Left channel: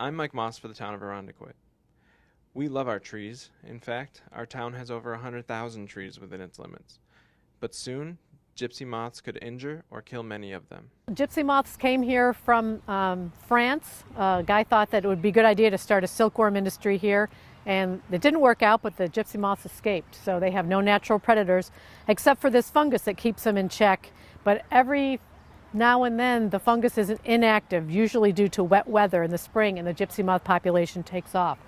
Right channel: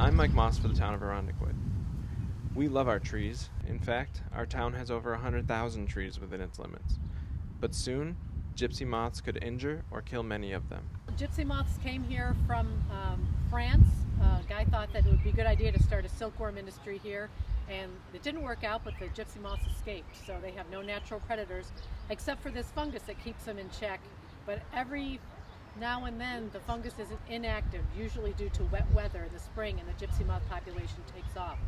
I'm Mike Moss for the town of Irondequoit. We love our trees. In fact, our town has over 100,000 trees within its limits. But soon, gypsy moths could injure or kill many of them. Gypsy moths came here from France. A guy thought that it would be a good idea to start a silkworm industry here, and it didn't work out, but the gypsy moths escaped. So they have no natural predators except for this fungus that keeps them in check. But every now and then the fungus is inactive, usually due to wet weather in the spring, and the gypsy moth population takes off.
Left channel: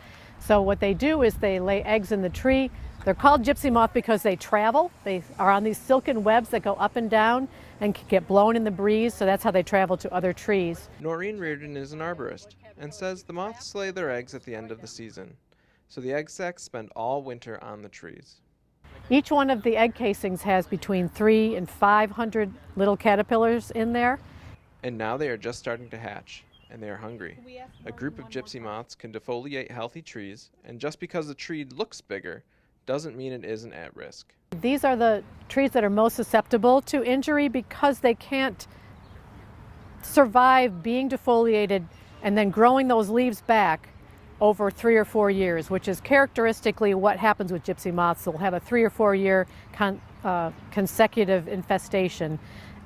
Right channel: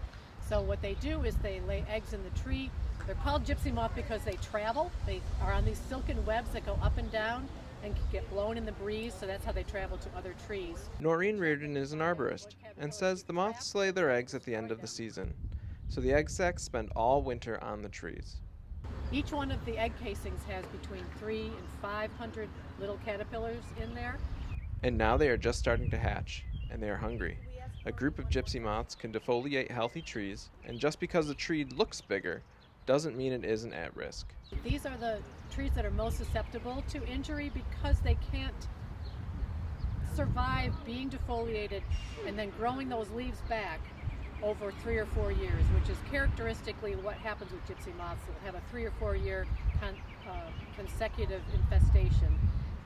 So what they do is they lay eggs in the tree. They're called gypsy moth because they travel. They are on these silken webs that go up and down and get blown in the breeze, so that's how they travel to other trees. Noreen Reardon is an arborist and says the moths lay their eggs at the end of the season, so the egg sacs spend all winter on the trees. Each one of the egg casings has between 300 and 500 little caterpillars in there. And now they are just starting to hatch, and they are hungry. A group of gypsy moths can defoliate healthy trees, and just because the tree looks bigger doesn't mean it isn't at risk. These are the trees that are most susceptible to injury because they can't survive being defoliated and then growing those leaves back over 3 or 4 years, which is characteristically what happens with gypsy moths. They'll have a 3 or 4 year consecutive infestation,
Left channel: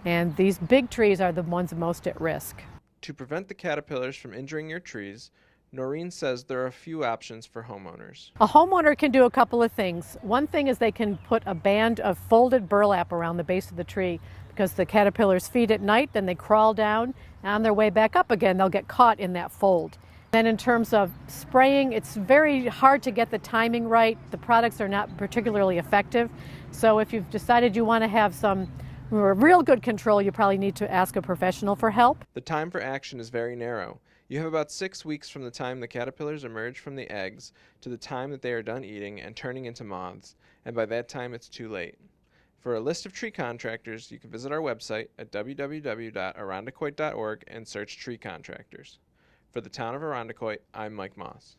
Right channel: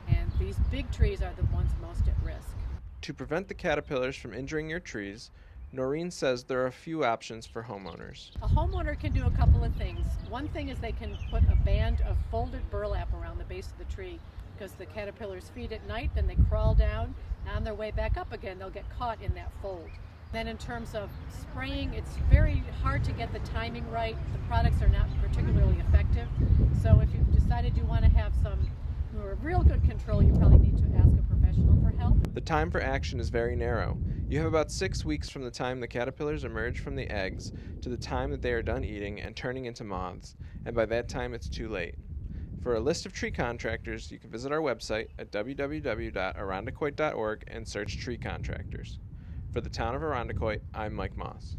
and these big trees are the ones most at risk. To prevent the caterpillars from injuring your trees, Noreen says there are a few options for homeowners. A homeowner can do a couple of things. One thing is they can put a band of folded burlap around the base of the tree, because the caterpillars feed at night, then they crawl down, and on their way back up again they'll get caught in that fold. Then in terms of spraying, it's very hard to get the timing right. The products are not particularly effective. So if you've decided you want to have some real good control, you probably need to ask a professional for help. The time for action is very narrow. You have about 6 weeks from the time the caterpillars emerge from the eggs to the time that they are done eating and turning into moths, and by that time it's too late. For a list of tree contractors, you can visit our website at www.irondequoit.org and search tree contractors. For the town of Irondequoit, I'm Mike Moss.